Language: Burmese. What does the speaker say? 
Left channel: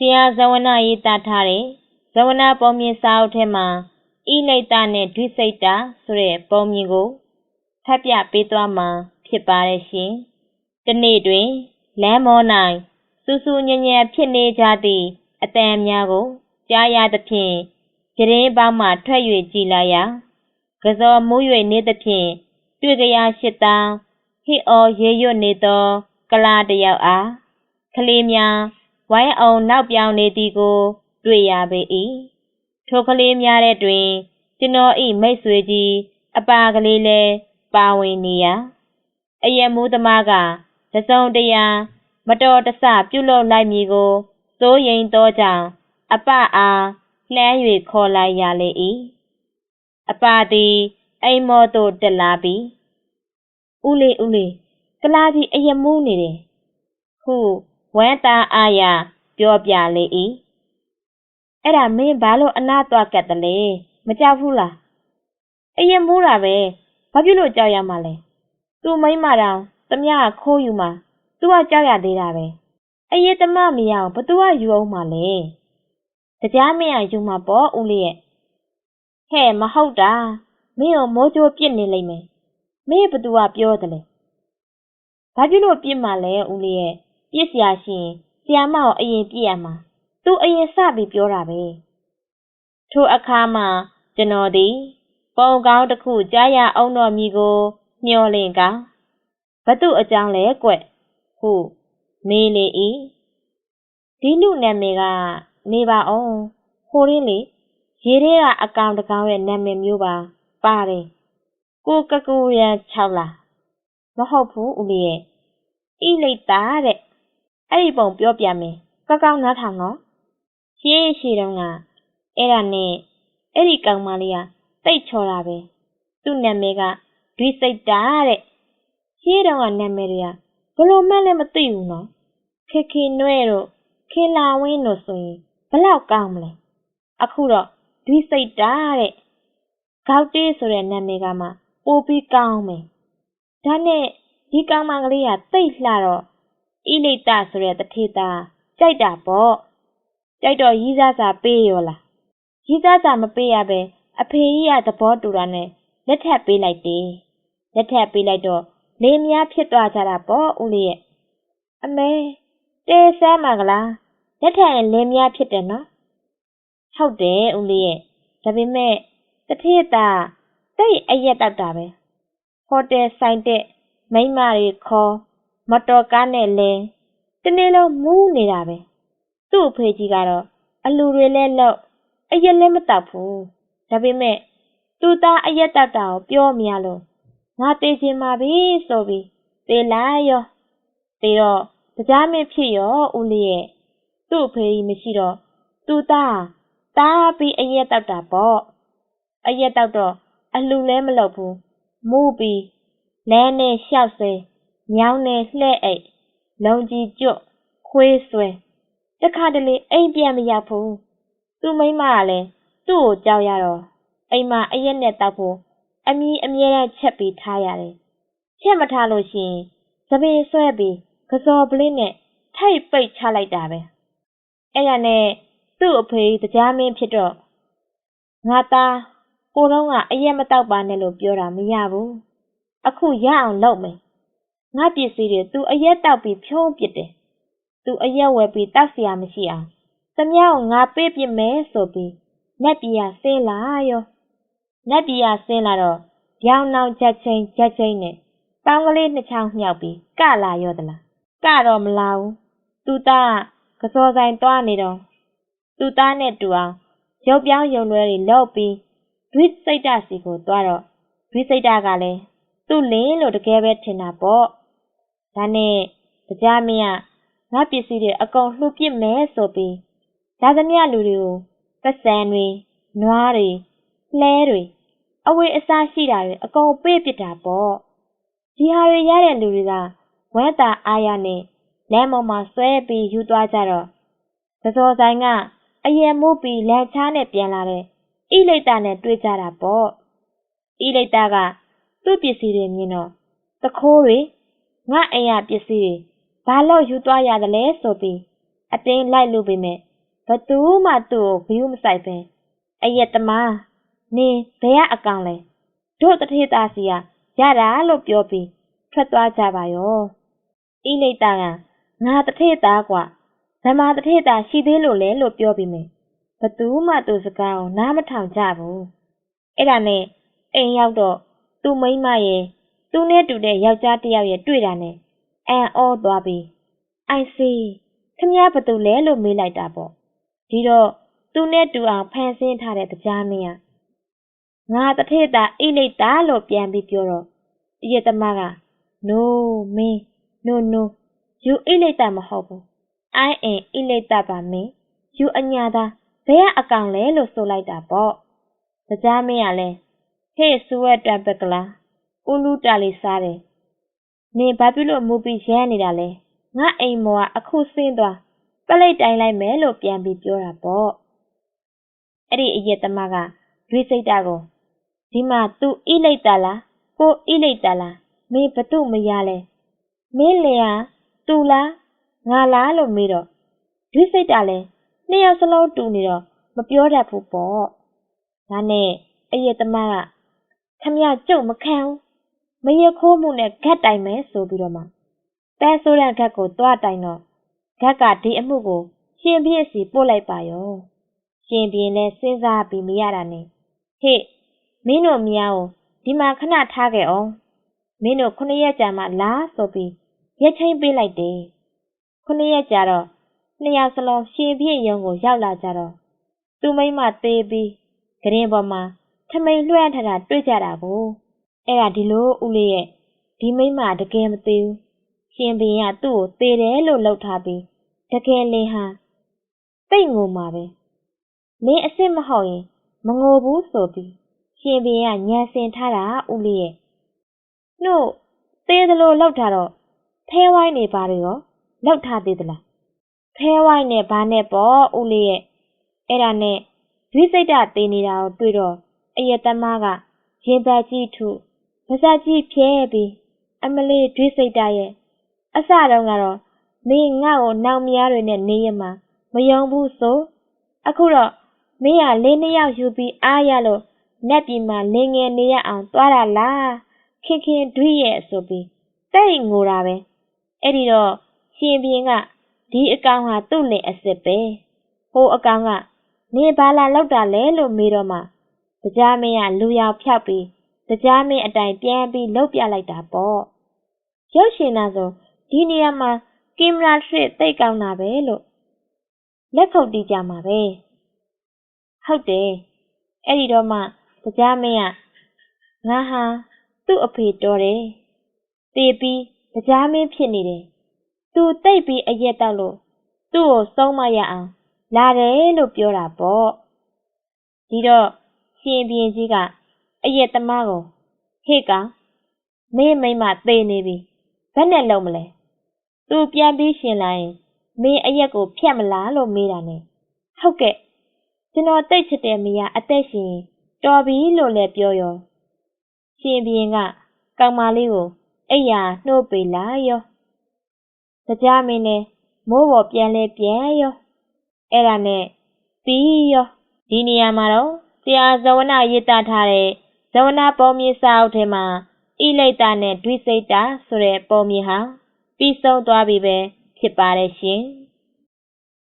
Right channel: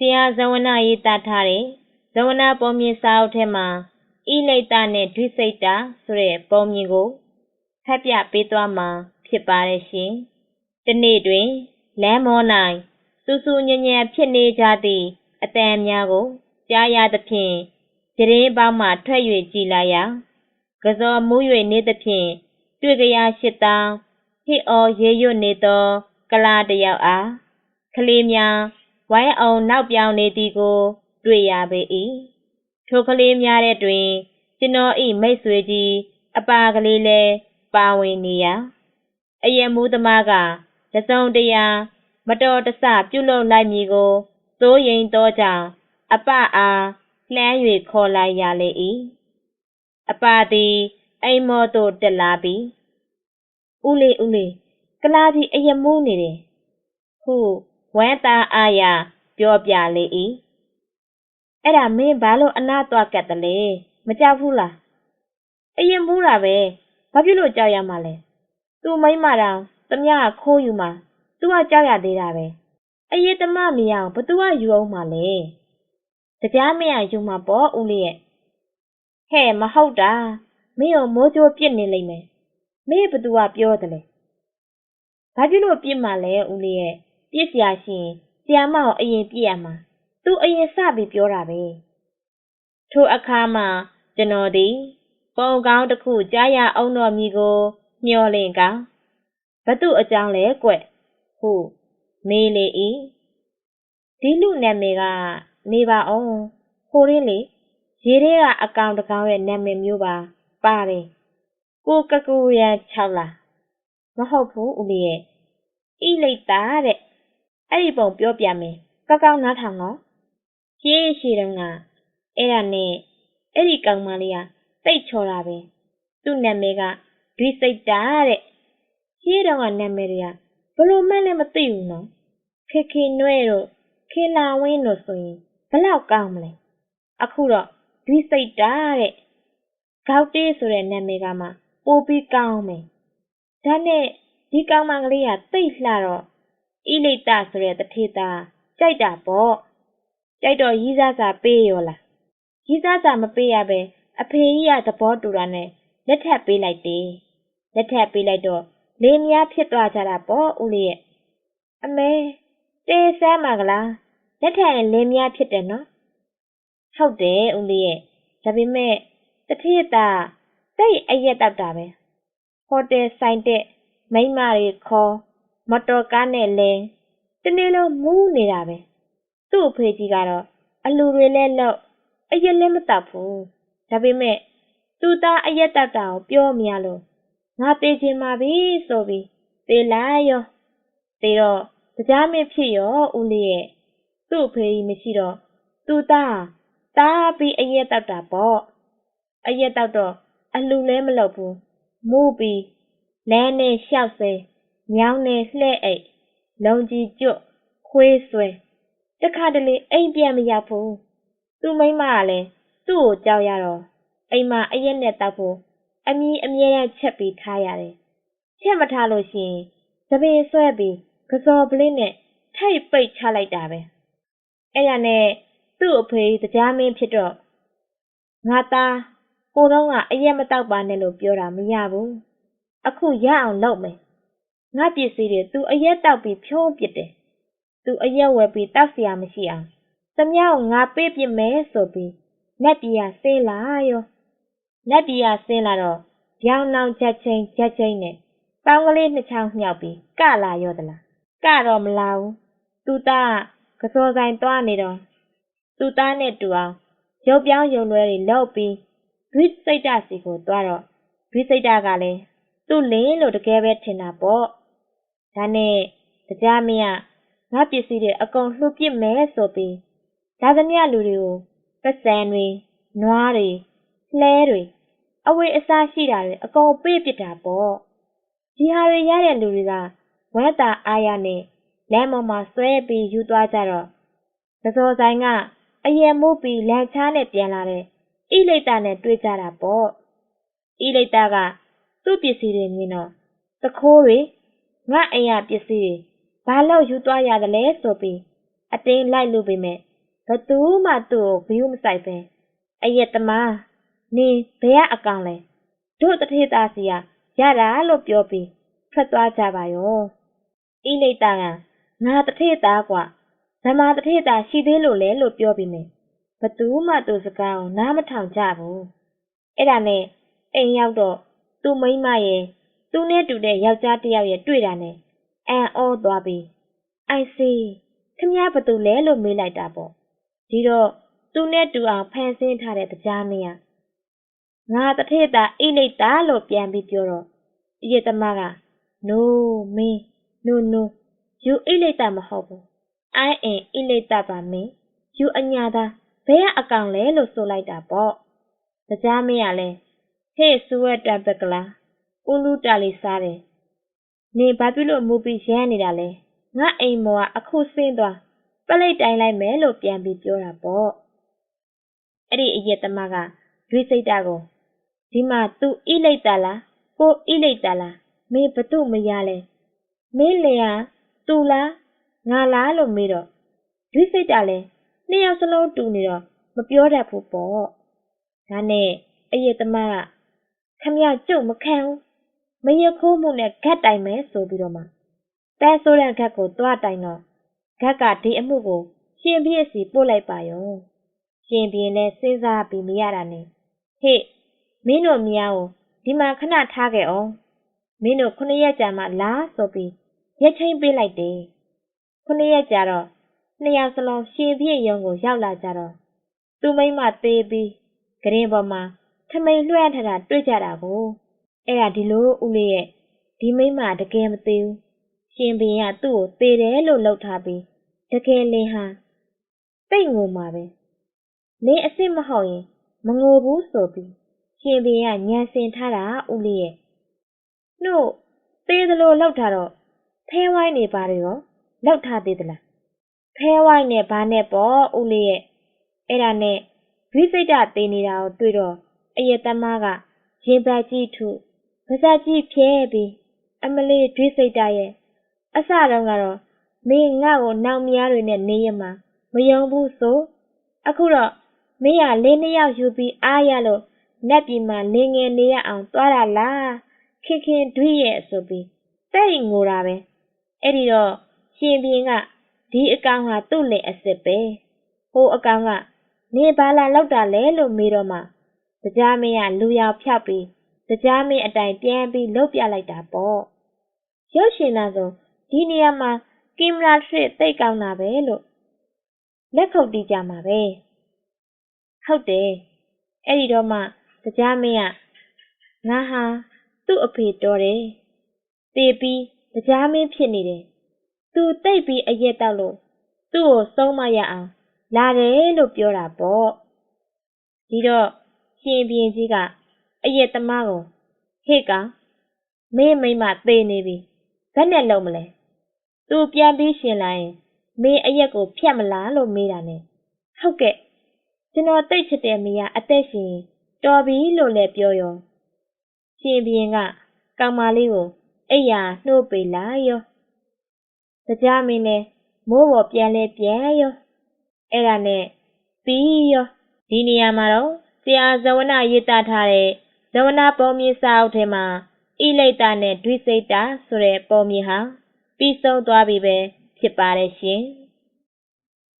ဆရာဇဝနာရေးသားထားတဲ့ဇဝနာပုံမြင်စာအုပ်ထဲမှာဣလိတ်တနဲ့ဒွိစိတ်တာဆိုတဲ့ပုံမြင်ကိုဖတ်ပြပေးသွားမှာဖြစ်ပါတယ်ရှင်။ဒီနေ့တွင်လမ်းမော၌စူးစူးညံ့ညံ့ဖြစ်နေကြသည့်အတန်များကိုကြားရသဖြင့်ကြရင်ပေါင်းမှထွက်၍ကြည်လာရာကစောမူး၍နေသဖြင့်တွေ့ကြရရှိတောင်းဟစ်အော်ရေရွတ်နေသော ကလာတယောက်အားကလေးများ ဝိုင်းအောင်နောက်ပြောင်နေသည်ကို တွေ့ရပေ၏ထိုကလေးများတဲ့တွင်ကျွန်တော်ဤမိတ်ဆွေကြီးအပါကလေးလည်းပါဝင်နေရာအယမူးသမားကတစုံတရာမတော်တဆပြုလုပ်လိုက်မည်ကိုစိုးရိမ်သောကြောင့်အပအားလှမ်း၍ခေါ်လိုက်ရလေ၏အပသည်အိမ်မောသို့တက်လာပြီးဦးလေးဦးလေးကလာကြီးအယမူးနေတယ်ဟု ဝမ်းသာအားရပြောပြလေ၏အဲ့ဒါမင်းဘာလို့အနာသွားကတ်တယ်လဲမကြောက်ဘူးလားအရင်မူးတာပဲဘာဖြစ်လို့ကြောက်ရမှာလဲသူမိမတောင်တမခိုးယူမှာသူကကြောက်ရသေးတာပဲအရေးတမမရအောင်ဘသူကယူအောင်မှာလဲတရားမရယူမှာပေါ့ဦးလေးရဲ့ဟဲ့မဟုတ်တာမင်းရောမိုးကြိုးပြစ်နေလိမ့်မယ်မင်းဘသူကပြောတယ်လဲဘာဖြစ်လို့ပြစ်မှာလဲဦးလေးရဲ့ ပြစ်စရာရှိရင်ဆရာမကိုအရင်ပြစ်ရမှာသူအရင်စပြီးပြောတာပဲထိုအခါမှာကျွန်တော်သည်ပုံကောင်းတစ်ခုကြားရအောင်တော်မူကို မျောလင့်ကဘသူအကြောင်းလဲကွဟုမေးလေ၏ဒီလူနာမည်ကနေပါအောင်ဟိုရင်းလေရေထဲကအကောင်တကောင်ရဲ့နာမည်မျိုးပါပါတယ်ကိုကကူရန်6လားမဟုတ်ဘူးဦးလေးရဲ့ဣလိတ်တာတဲ့ အဲ့ဒီပုံပြောပြမယ်ကောက်ကောက်နားထောင်နော်ရှေးရှေးတုန်းကအဲ့ဒါနဲ့အဲ့ဒီကောင်မလေးကတိတ်ချော်တာပဲသူ့နာမည်ကဒွိစိတ်တာတဲ့ရှေးတုန်းကနာမည်တွေကဘလို့မှလည်းမသိဘူးနော်ခေခေနွဲ့တို့ခေလာဝင်းတို့ဆိုရင်ဘလောက်ကောင်းမလဲအခုတော့ဒွိစိတ်တာတဲ့ဂေါက်တေးဆိုတဲ့နာမည်ကမှပိုပြီးကောင်းမယ်ဒါနဲ့ဒီကောင်မကလေးကတိတ်လှတော့ ဣလိတဆိုတဲ့တထေသားကြိုက်တာပေါ့ကြိုက်တော့ရီးစားစာပေးရောလားရီးစားစာမပေးရပဲအဖေကြီးကသဘောတူတာနဲ့လက်ထပ်ပေးလိုက်တယ်လက်ထပ်ပေးလိုက်တော့လေများဖြစ်သွားကြတာပေါ့ဦးလေးရဲ့အမေတေးဆမ်းပါကလားလက်ထပ်ရင်လေများဖြစ်တယ်နော်ဟုတ်တယ်ဦးလေးရဲ့ဒါပေမဲ့တထေသားစိတ်အရက်တောက်တာပဲဟိုတယ်ဆိုင်တဲ့မိမတွေခေါ် မတော်ကားနဲ့လဲတနေ့လုံးမူးနေတာပဲသူ့အဖေကြီးကတော့အလူတွေလဲလောက်အရက်လည်းမတောက်ဘူးဒါပေမဲ့သူသားအရက်တောက်တာကိုပြောမရလို့ငါသေးချင်ပါပြီဆိုပြီးသေလိုက်ရောသေတော့တရားမင်းဖြစ်ရောဦးလေးရဲ့သူ့အဖေကြီးမရှိတော့သူသားတားပြီးအရက်တောက်တာပေါ့အရက်တောက်တော့အလူလဲမလုပ်ဘူးမူးပြီးလမ်းနဲ့ရှောက်ဆွဲ ညောင်းနဲ့လှဲ့အိတ်လုံကြီးကျွတ်ခွေးဆွဲတခါတလေအိမ်ပြန်မရောက်ဘူးသူ့မိမကလည်းသူ့ကိုကြောက်ရတော့အိမ်မှာအရက်နဲ့တောက်ဖို့အမီးအမြဲတမ်းချက်ပြီးထားရတယ်ချက်မထားလို့ရှိရင်သပင်ဆွဲပြီးကစော်ပလင်းနဲ့ထိုက်ပိတ်ချလိုက်တာပဲအဲ့ရနဲ့သူ့အဖေတရားမင်းဖြစ်တော့ငါသားကိုတော့ကအရက်မတောက်ပါနဲ့လို့ပြောတာမရဘူးအခုရအောင်လုပ်မယ် ငါပစ္စည်းတွေ သူအရက်တောက်ပြီးဖြုံးပစ်တယ်။သူအရက်ဝယ်ပြီးတောက်စရာမရှိအောင်။သမ ्या ကိုငါပေးပစ်မယ်ဆိုပြီးနတ်ပြည်ကဆင်းလာရော။နတ်ပြည်ကဆင်းလာတော့ဗျောင်နောင်ချက်ချင်းချက်ချင်းနဲ့ပေါင်းကလေးနှစ်ချောင်းမြောက်ပြီးကလာရောသလား။ကတော့မလာဘူး။သူသားကစောဆိုင်သွားနေတော့သူသားနဲ့တူအောင်ရုပ်ပြောင်းရုံလွဲတွေလောက်ပြီးဒွိစိတ်တစီကိုသွားတော့ဒွိစိတ်တကလည်းသူ့လင်းလို့တကယ်ပဲထင်တာပေါ့ ဒါနဲ့တရားမင်းကငါပစ္စည်းတွေအကုန်လှုပ်ပစ်မယ်ဆိုပြီးဒါသမျှလူတွေကိုပတ်စံတွေနွားတွေလှဲတွေအဝေးအစားရှိတာတွေအကုန်ပေးပစ်တာပေါ့ဒီဟာတွေရတဲ့လူတွေကဝဲတာအားရနဲ့လမ်းပေါ်မှာဆွဲပြီးယူသွားကြတော့သစောဆိုင်ကအယံမိုးပြီးလမ်းချားနဲ့ပြန်လာတဲ့ဣလိတ်တာနဲ့တွေ့ကြတာပေါ့ဣလိတ်တာကသူ့ပစ္စည်းတွေမြင်တော့တခိုးတွေ ငါအိမ်ရပစ္စည်းတွေဘာလို့ယူသွားရသလဲဆိုပြီးအတင်းလိုက်လို့ပေမဲ့ ဘသူမှသူ့ကိုဘီးမဆိုင်ပဲအရက်သမားနင်ဘယ်ကအကောင်လဲတို့တထေသားစီကရတာလို့ပြောပြီးထွက်သွားကြပါရောဣလိတ်တာကငါတထေသားกว่าဇမာတထေသားရှိသေးလို့လဲလို့ပြောပြီးမယ်ဘသူမှသူ့စကားကိုနားမထောင်ကြဘူးအဲ့ဒါနဲ့အိမ်ရောက်တော့သူ့မိန်းမရဲ့ သူနဲ့တူတဲ့ယောက်ျားတစ်ယောက်ရဲ့တွေ့တာနဲ့အန်အောသွားပြီးအိုင်စီခမည်းဘသူလဲလို့မေးလိုက်တာပေါ့ဒီတော့သူနဲ့တူအောင်ဖန်ဆင်းထားတဲ့တရားမင်းကငါတထေတာအိလိတ်တာလို့ပြန်ပြီးပြောတော့အရက်သမားက no မင်း no no you အိလိတ်တာမဟုတ်ဘူး I am အိလိတ်တာပါမင်း you အညာသားဘယ်ကအကောင်လဲလို့ဆိုလိုက်တာပေါ့တရားမင်းကလည်းဟေ့စူဝက်တပကလာ ဦးလူတာလေးစားတယ်နင်ဘာဖြစ်လို့မူပြီးရမ်းနေတာလဲငါအိမ်မောကအခုဆင်းသွားပလိတ်တိုင်းလိုက်မယ်လို့ပြန်ပြီးပြောတာပေါ့အဲ့ဒီအရက်သမားကရွေးစိတ်တာကိုဒီမှာသူဣလိတ်တာလားကိုဣလိတ်တာလားမင်းဘသူမရလဲမင်းလေဟာသူလားငါလားလို့မေးတော့ရွေးစိတ်တာလဲနှစ်ယောက်စလုံးတူနေတော့မပြောတတ်ဘူးပေါ့ဒါနဲ့အရက်သမားကခမရကြုတ်မခံဘူး မရခိုးမှုနဲ့ဂတ်တိုင်မယ်ဆိုပြီးတော့မှတန်းဆိုးတဲ့ဂတ်ကိုသွားတိုင်တော့ဂတ်ကဒီအမှုကိုရှင်ပြည့်စီပို့လိုက်ပါရောရှင်ပြင်းနဲ့စဉ်းစားပြီးမရတာနဲ့ဟေ့မင်းတို့မြောင်ဒီမှာခဏထားခဲ့အောင်မင်းတို့ခုနှစ်ရက်ကြာမှလာဆိုပြီးရက်ချင်းပေးလိုက်တယ်ခုနှစ်ရက်ကြာတော့နှစ်ယောက်စလုံးရှင်ပြည့်ရုံကိုရောက်လာကြတော့သူမိမသေးပြီးဂရင်ပေါ်မှာထမိန်လွှမ်းထတာတွေ့ကြတာကို အဲ့ဒါဒီလိုဦးလေးရဲ့ဒီမိမတကယ်မသေးဘူးရှင်ဘင်းကသူ့ကိုသေတယ်လို့လှုပ်ထားပြီးတကယ်လင်းဟာတိတ်ငိုမှာပဲလင်းအစ်စ်မဟုတ်ရင်မငိုဘူးဆိုပြီးရှင်ဘင်းကညံစင်ထားတာဦးလေးရဲ့နှုတ်သေးသလိုလှုပ်ထားတော့ဖဲဝိုင်းနေပါတွေရောလှုပ်ထားသေးသလားဖဲဝိုင်းနဲ့ဘာနဲ့ပေါ့ဦးလေးရဲ့အဲ့ဒါနဲ့ဒွိစိတ်တသေးနေတာကိုတွေ့တော့အယက်သမားကရင်ပတ်ကြီးထု ပါးစပ်ကြီးဖြဲပြီးအမလေးဒွိစိတ်တရဲ့အစတုန်းကတော့မင်းငါ့ကိုနောင်မယားတွေနဲ့နေရမှာမယုံဘူးဆိုအခုတော့မင်းကလေးနှစ်ယောက်ယူပြီးအားရလို့နတ်ပြည်မှာလင်ငယ်နေရအောင်သွားတာလားခင်ခင်ဒွိရဲ့ဆိုပြီးတိတ်ငိုတာပဲအဲ့ဒီတော့ရှင်ပြင်းကဒီအကောင်ဟာသူ့လင်အစ်စ်ပဲဟိုအကောင်ကနေဘာလာလောက်တာလဲလို့မေးတော့မှတရားမင်းကလူရောက်ဖြောက်ပြီး တရားမင်းအတိုင်ပြန်ပြီးလှုပ်ပြလိုက်တာပေါ့ရုပ်ရှင်သားဆိုဒီနေရာမှာကင်မရာစစ်သိတ်ကောင်းတာပဲလို့လက်ခုပ်တီးကြမှာပဲဟုတ်တယ်အဲ့ဒီတော့မှတရားမင်းကငါဟာသူ့အဖေတော်တယ်တေပြီးတရားမင်းဖြစ်နေတယ်သူတိတ်ပြီးအရက်တောက်လို့သူ့ကိုဆုံးမရအောင်လာတယ်လို့ပြောတာပေါ့ဒီတော့ရှင်ပြင်းကြီးက အရက်သမားကိုဟေ့ကောင်မင်းမိမသေနေပြီဘယ်နဲ့လုံးမလဲသူပြန်ပြီးရှင်လာရင်မင်းအရက်ကိုဖြတ်မလားလို့မေးတာနဲ့ဟုတ်ကဲ့ကျွန်တော်တိတ်ချစ်တဲ့မိယာအသက်ရှင်တော်ပြီလို့လည်းပြောရောရှင်ပြင်းကကောင်မလေးကိုအိယာနှိုးပေလာရောတရားမင်းနဲ့မိုးပေါ်ပြန်လဲပြန်ရောအဲ့ဒါနဲ့ပြီးရောဒီနေရာမှာတော့ဆရာဇဝနာရေးသားထားတဲ့ ဇဝနာပေါ်မြေစာအုပ်ထဲမှာဣလိတ်တာနဲ့ဒွိစိတ်တာဆိုတဲ့ပေါ်မြေဟာပြီးဆုံးသွားပြီပဲဖြစ်ပါတယ်ရှင်။